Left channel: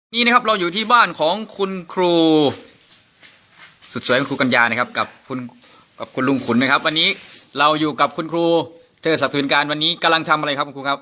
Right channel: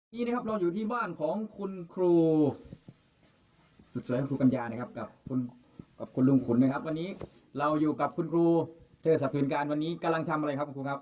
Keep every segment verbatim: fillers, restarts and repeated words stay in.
นี่นะครับเราอยู่ที่บ้านของคุณครูสุดสวยคุณครูกัญญานะครับกับคุณกับคุณลุงขุนนะครับวันนี้เราอยู่กับคุณครูเธอศักดิ์สุนการวันนี้กำลังทำอะไรครับคุณครูครับ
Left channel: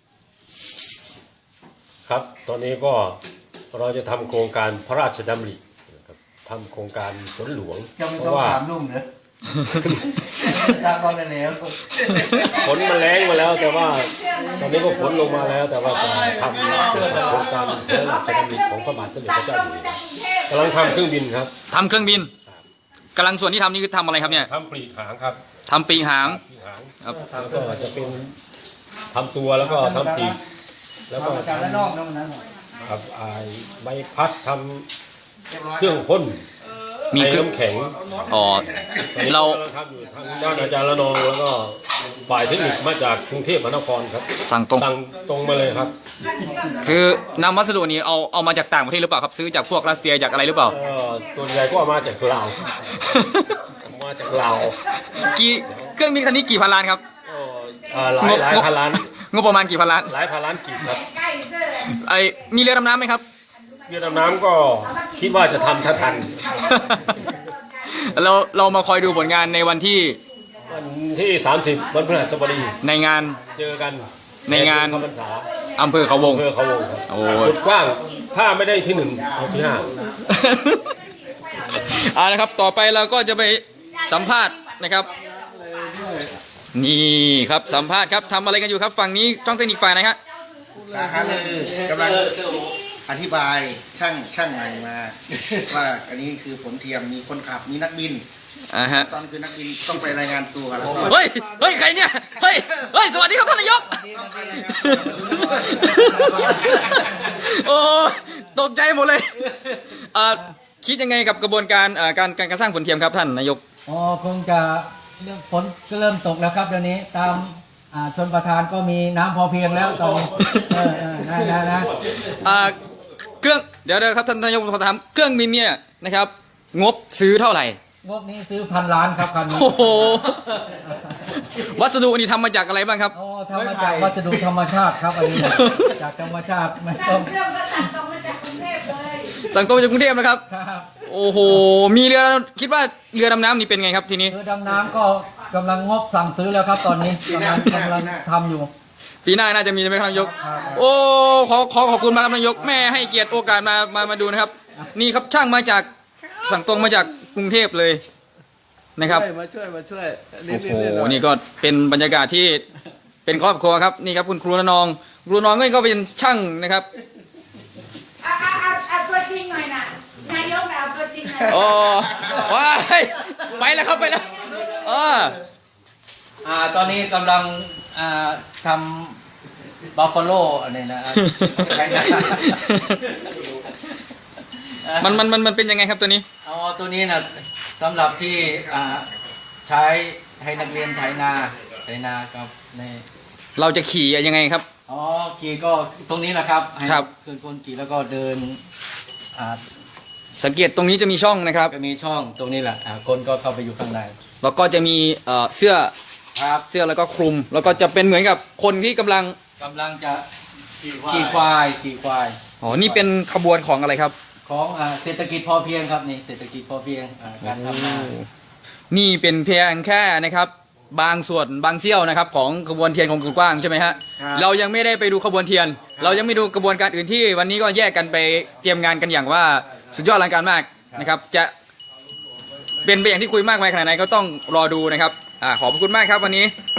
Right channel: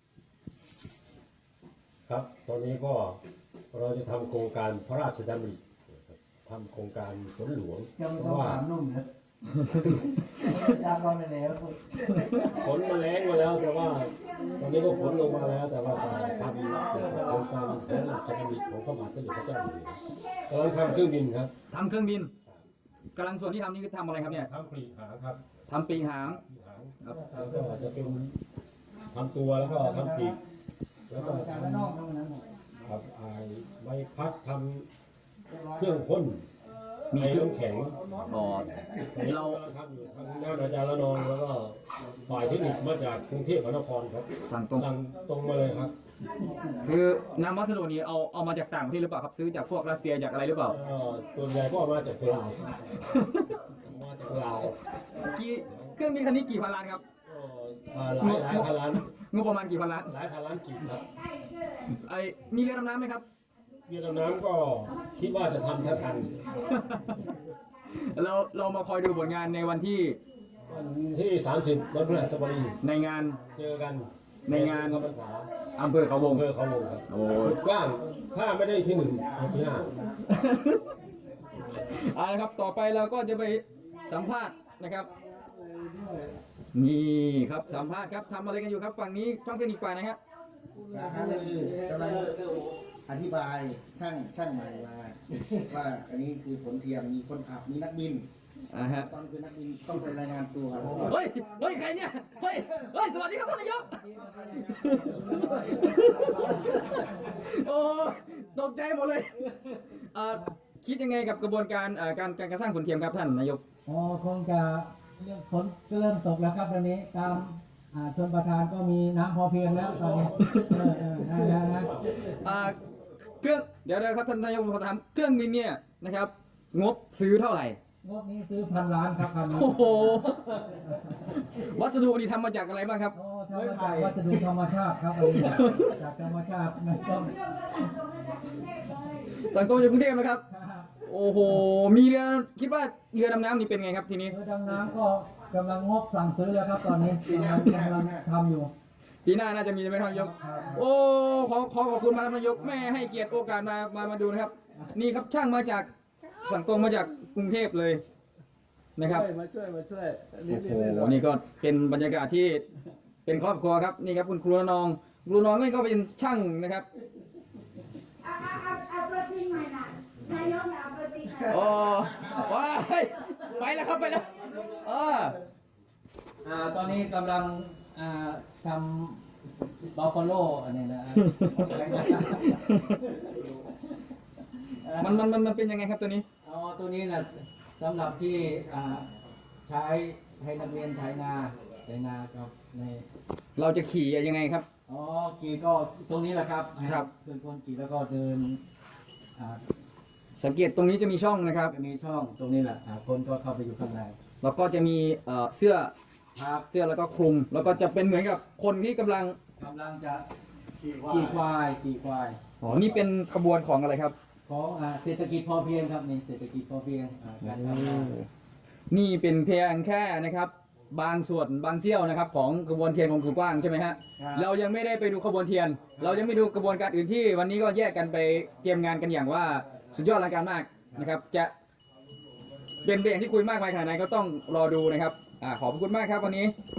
ครับตอนนี้ก็เราจะทำโครงการพระราชดำรินะครับทำโครงการฝนหลวงเพราะว่าถามลุงเนอะตามก่อนแล้วฝนมันแรงมาแล้วแต่ว่าตอนนี้ก็ฝนลงมาแล้วแต่ว่าจะทำโครงการพระราชดำริของพระบาทสมเด็จพระเจ้าอยู่หัวกำลังทำเครื่องบินครับทำเครื่องบินกำลังส่วนที่ทำนี่คือทำอะไรครับเนี่ยทำปีกหางครับทำปีกหางปีกหางครับแล้วก็จะเป็นทำตัวแล้วก็ทำปีกแล้วก็ทำครับไอใบพัดทำเครื่องพ่นมีเครื่องแข็งอ๋อเราทำอยู่ทางด้านอาจารย์ละนองแล้วก็ฝ่ายเทคนิคมาจากกรุงเทพมหานครครับสั่งตรงสั่งตรงมาเลยครับคือนำวัสดุนี้เอาเอามาจากต่างประเทศหรือเปล่าครับซื้อจากพวกรัสเซียจากอะไรหรือเปล่าตัวใหญ่ก็มาจากลาวมาจากลาวกี่เครื่องบินคันนี้กี่พันล้านครับหลายหลายพันล้านงบประมาณกี่พันล้านหลายพันล้านกีบครับไอมีเรือดำน้ำไหมครับเรือดำน้ำก็คิดว่าจะทำถ้าทันเราเรามาคอยดูผลงานในวันที่วันที่สามสิบวันพฤหัสบดีในงานเจอกันในงานเข้าพรรษาอำเภอเขาวงอำเภอเขาวงครับโอ้จุดกว้างถ้าไม่ได้ที่หนึ่งเอาที่ห้าเอาละครับต่อไปเราก็จะไปสัมภาษณ์นะครับนี่ครับสัมภาษณ์ครับทำอะไรกันอยู่ครับฝั่งนี้ช่องเทคนิคฝ่ายไหนครับสาขาเลยกำลังอธิบายช่างช่างใหม่มาว่าอันนี้คือฝนเทียมมีคนขับมีนักบินอ่าฮะตอนคือนักบินต้องไปรายงานตัวแล้วเฮ้ยเฮ้ยใครเนี่ยเฮ้ยเฮ้ยสวัสดีครับท่านนายกโอ้ตกใจหมดเลยอ่าคิดยังไงกับกระบวนการอ่าการการสร้างฝนเทียมครับท่านนายกอ๋อคงจะเรื่องฝนก็เริ่มตกแล้วครับเดี๋ยวนี้ตามชนประทานก็มีน้ำพอเพียงแล้วตอนเออเออนะนะนะอ่าเครื่องเดี๋ยวเดี๋ยวครับท่านนายกขอถามเครื่องบินเนี่ยนะครับงบซื้อเท่าไหร่งบนี้ซื้อพันล้านครับคันนี้โอ้โหวัสดุอันนี้ทำมาจากอะไรบ้างครับโอ้ทำมาจากวัสดุธรรมชาติครับอันนี้จากธรรมชาติไม่ต้องสั่งตรงมาจากกรุงเทพเลยสั่งตรงจากกรุงเทพนะครับโอ้โหมีเรือคิดว่าเรือดำน้ำนี่เป็นไงครับทีนี้เรือดำน้ำก็กำลังงบสั่งซื้อแล้วครับตอนนี้กำลังกำลังทำอยู่ปีหน้าน่าจะมีใช่ไหมครับนายกโอ้ขอขอขอบคุณมากครับนายกแม่ให้เกียรติโอกาสมามามาดูนะครับนี่ครับช่างมาจากสั่งตรงมาจากกรุงเทพเลยนะครับมาช่วยมาช่วยโอ้โหนี่ก็เป็นบรรยากาศที่เป็นครอบครัวครับนี่ครับคุณครูละนองครูละนองก็เป็นช่างนะครับเอาเอาเอาตัวจริงหน่อยนะนายกเอาตัวจริงหน่อยโอ้ว้ายไปแล้วครับไปแล้วอ๋ออ่าตอนนี้กำลังอ่าทำบัฟฟาโลอันนี้นะมันมันมันมันเป็นยังไงครับตัวนี้อ๋อตัวนี้นะสำหรับที่อ่าใช้ให้นักเรียนไถนาไถนาครับในเราจะขี่ยังไงครับอ๋อขี่ก็ตรงนี้แหละครับครับเคลื่อนคนขี่แล้วก็เดินอ่าสังเกตตรงนี้จะมีช่องนะครับจะมีช่องตรงนี้แหละคนก็เข้าไปอยู่ข้างในแล้วก็จะมีเสื้อครับเสื้อแล้วก็คลุมแล้วก็จะเป็นเหมือนกับคนที่กำลังกำลังจะขี่ควายขี่ควายอ๋อนี่เป็นขบวนของอะไรครับของเศรษฐกิจพอเพียงครับนี่เศรษฐกิจพอเพียงการทำนานี่เป็นเพียงแค่นะครับบางส่วนบางเสี้ยวนะครับของขบวนเทียนของคุณกว้างใช่ไหมฮะเรายังไม่ได้ไปดูขบวนเทียนเรายังไม่ดูกระบวนการอื่นที่วันนี้ก็แยกกันไปเตรียมงานกันอย่างว่าสุดยอดอลังการมากนะครับจะเป็นไปอย่างที่คุยมากมายขนาดไหนก็ต้องรอดูนะครับอ่าขอบคุณมากครับวันนี้